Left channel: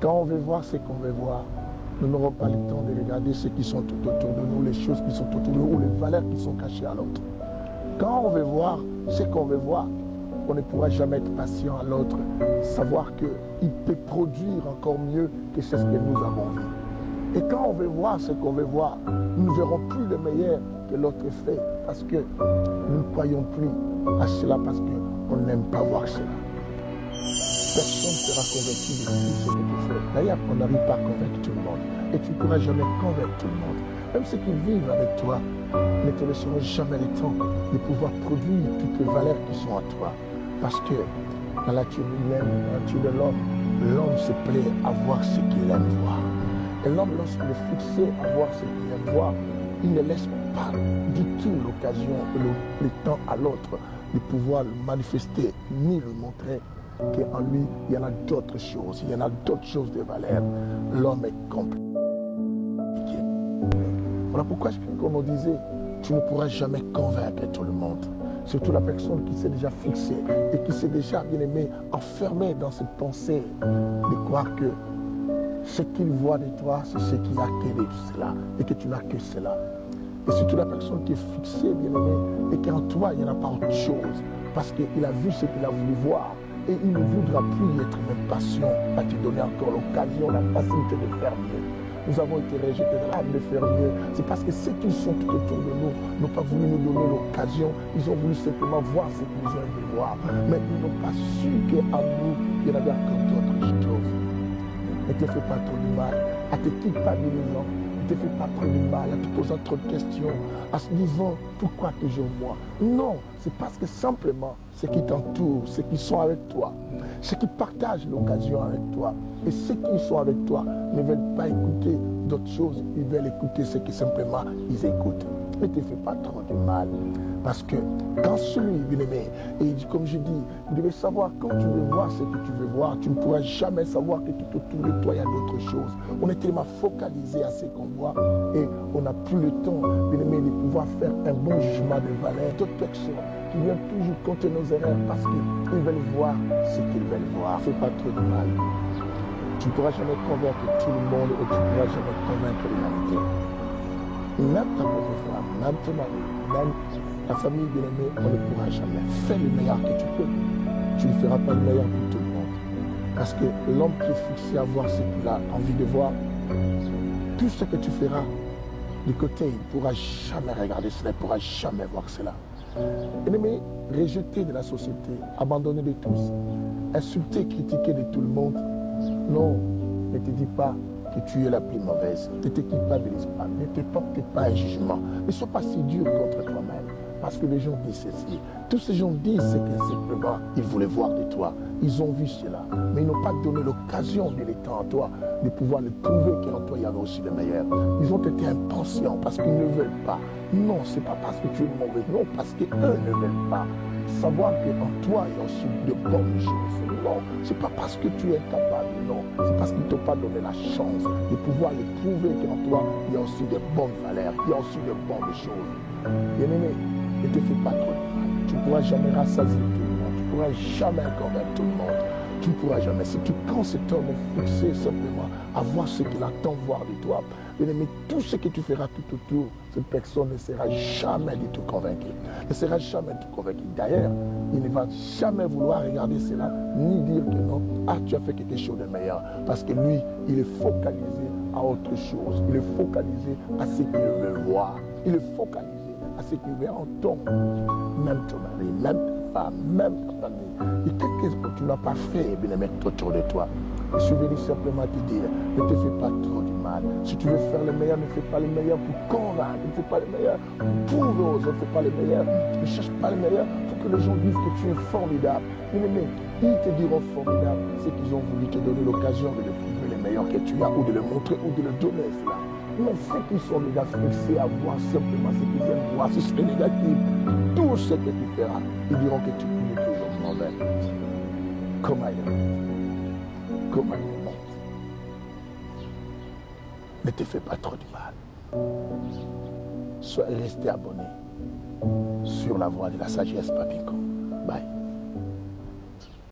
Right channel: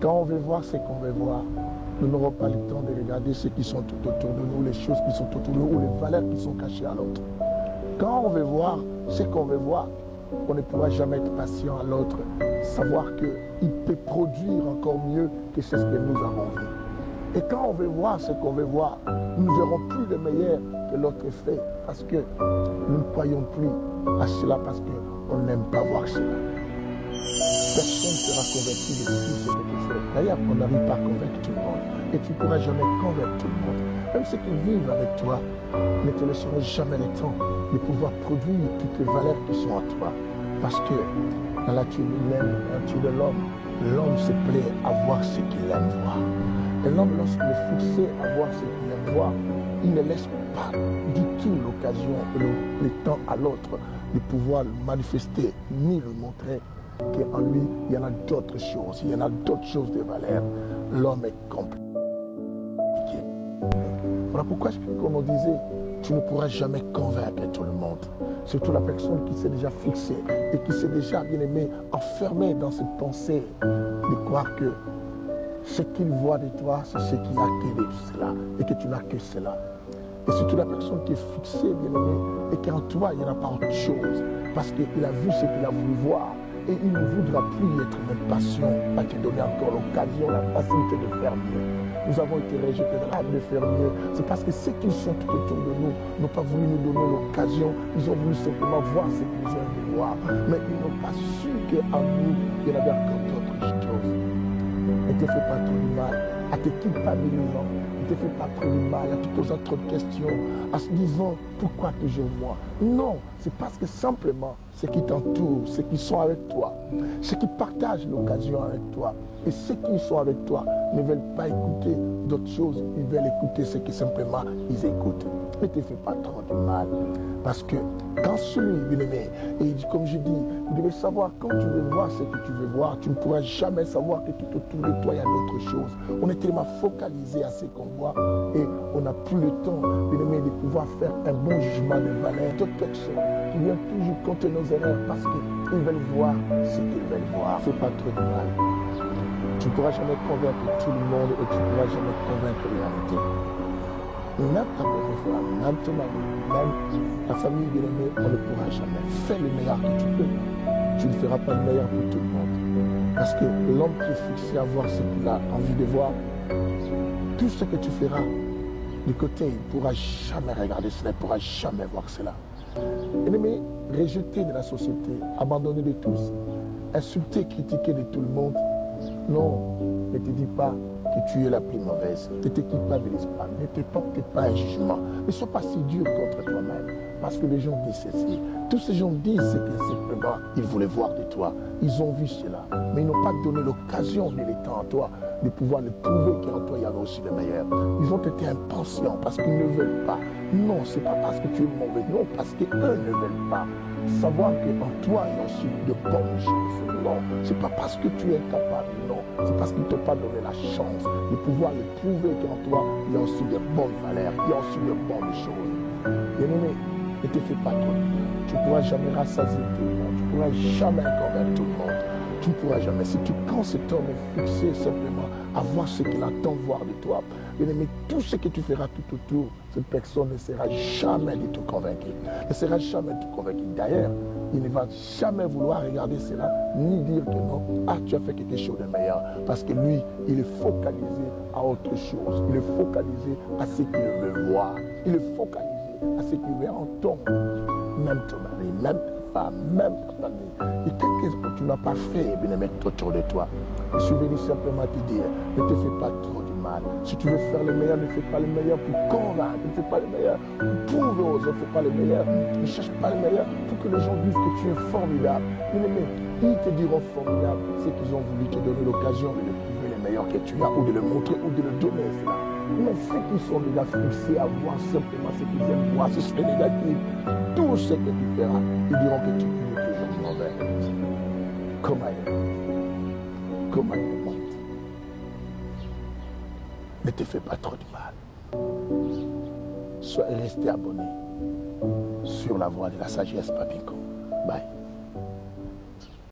Quand on veut voir ce qu'on veut voir, nous n'aurons pas le temps de regarder ceux qui sont tout autour de nous, les choses qui sont autour de nous, ou les valeurs qui sont cachées à l'autre. Quand on veut voir ce qu'on veut voir, on ne pourra jamais être patient à l'autre, savoir qu'il peut produire encore mieux que ce que nous avons vu. Et quand on veut voir ce qu'on veut voir, nous ne verrons plus le meilleur que l'autre fait, parce que nous ne croyons plus à cela, parce qu'on n'aime pas voir cela. Personne ne sera convaincu de tout ce que tu fais. D'ailleurs, on n'arrive pas à convaincre tout le monde. Et tu ne pourras jamais convaincre tout le monde. Même ceux qui vivent avec toi ne te laisseront jamais le temps de pouvoir produire toutes les valeurs qui sont en toi. Parce que dans la nature humaine, dans la nature de l'homme se plaît à voir ce qu'il aime voir. Et l'homme, lorsqu'il est fixé à voir ce qu'il aime voir, il ne laisse pas du tout l'occasion et le temps à l'autre de pouvoir le manifester, ni le montrer qu'en lui, il y en a d'autres choses, il y en a d'autres choses de valeur. L'homme est compliqué. Voilà pourquoi, comme on disait, tu ne pourras jamais convaincre tout le monde. Surtout la personne qui s'est déjà fixée et qui s'est déjà, bien aimé, enfermée dans cette pensée de croire que ce qu'il voit de toi, c'est ce qu'il a que de cela et que tu n'as que cela. Et surtout la personne qui est fixée, bien aimé, et qu'en toi, il n'y en a pas autre chose. Parce qu'il a vu ce qu'il a voulu voir. Et il ne voudra plus être même patient à te donner encore l'occasion, la facilité de faire mieux. Nous avons été rejetés de l'âme de faire mieux. C'est parce que ceux qui sont tout autour de nous n'ont pas voulu nous donner l'occasion. Ils ont voulu simplement voir ce qu'ils ont aimé voir. Mais ils n'ont pas su qu'en nous, il y en avait encore d'autres choses. Ne te fais pas trop de mal à te culpabilisant. Ne te fais pas trop de mal à te posant trop de questions, à se disant pourquoi toujours moi. Non, c'est parce que simplement ceux qui t'entourent, ceux qui sont avec toi, ceux qui partagent l'occasion avec toi, et ceux qui sont avec toi ne veulent pas écouter d'autres choses, ils veulent écouter ce que simplement ils écoutent. Ne te fais pas trop de mal, parce que quand celui, bien aimé, et comme je dis, vous devez savoir, quand tu veux voir ce que tu veux voir, tu ne pourras jamais savoir que tout autour de toi, il y a d'autres choses. On est tellement focalisé à ce qu'on voit et on n'a plus le temps, bien aimé, de pouvoir faire un bon jugement de valeur. D'autres personnes qui viennent toujours contre nos erreurs parce qu'ils veulent voir ce qu'ils veulent voir. Fais pas trop de mal. Tu ne pourras jamais convaincre tout le monde et tu ne pourras jamais convaincre l'humanité. Même ta propre femme, même ton mari, même ta famille bien-aimée, on ne pourra jamais. Fais le meilleur que tu peux. Tu ne feras pas le meilleur pour tout le monde. Parce que l'homme qui est fixé à voir ce qu'il a envie de voir, tout ce que tu feras du côté, il ne pourra jamais regarder cela, il ne pourra jamais voir cela. Bien-aimé, rejeté de la société, abandonné de tous, insulté, critiqué de tout le monde, non, ne te dis pas que tu es la plus mauvaise. Ne te culpabilise pas, ne te porte pas un jugement. Ne sois pas si dur contre toi-même. Parce que les gens disent ceci. Tous ces gens disent que simplement ils voulaient voir de toi. Ils ont vu cela. Mais ils n'ont pas donné l'occasion de l'étendre à toi, de pouvoir le prouver qu'en toi il y avait aussi le meilleur. Ils ont été impatients parce qu'ils ne veulent pas. Non, ce n'est pas parce que tu es mauvais. Non, parce qu'eux ne veulent pas. Savoir qu'en toi, il y a aussi de bonnes choses. Non, ce n'est pas parce que tu es incapable, non. C'est parce qu'ils ne t'ont pas donné la chance de pouvoir le prouver qu'en toi, il y a aussi de bonnes valeurs, il y a aussi de bonnes choses. Bien-aimé, ne te fais pas trop de mal. Tu ne pourras jamais rassasier tout le monde. Tu ne pourras jamais convaincre tout le monde. Tu ne pourras jamais. Si tu prends cet homme et fixé simplement à voir ce qu'il attend voir de toi, bien-aimé, tout ce que tu feras tout autour, cette personne ne sera jamais du tout convaincue. Ne sera jamais du tout convaincue. D'ailleurs, il ne va jamais vouloir regarder cela, ni dire que non, ah, tu as fait quelque chose de meilleur. Parce que lui, il est focalisé à autre chose. Il est focalisé à ce qu'il veut voir. Il est focalisé à ce qu'il veut entendre. Même ton mari, même ta femme, même ta famille. Et quelque chose que tu n'as pas fait, bien aimé, autour de toi. Je suis venu simplement te dire, ne te fais pas trop du mal. Si tu veux faire le meilleur, ne fais pas le meilleur pour convaincre, ne fais pas le meilleur pour prouver aux autres, ne fais pas le meilleur, ne cherche pas le meilleur pour que les gens disent que tu es formidable. Bien aimé, ils te diront formidable, c'est qu'ils ont voulu te donner l'occasion de le prouver le meilleur que tu as, ou de le montrer, ou de le donner cela. Mais ceux qui sont déjà fixés à voir simplement ce qu'ils aiment voir, ce serait négatif. Tout ce que tu feras, ils diront que tu es toujours mauvais. Comment il est monte. Comment il est monte. Ne te fais pas trop de mal. Sois resté abonné sur la voie de la sagesse Papinko. Bye.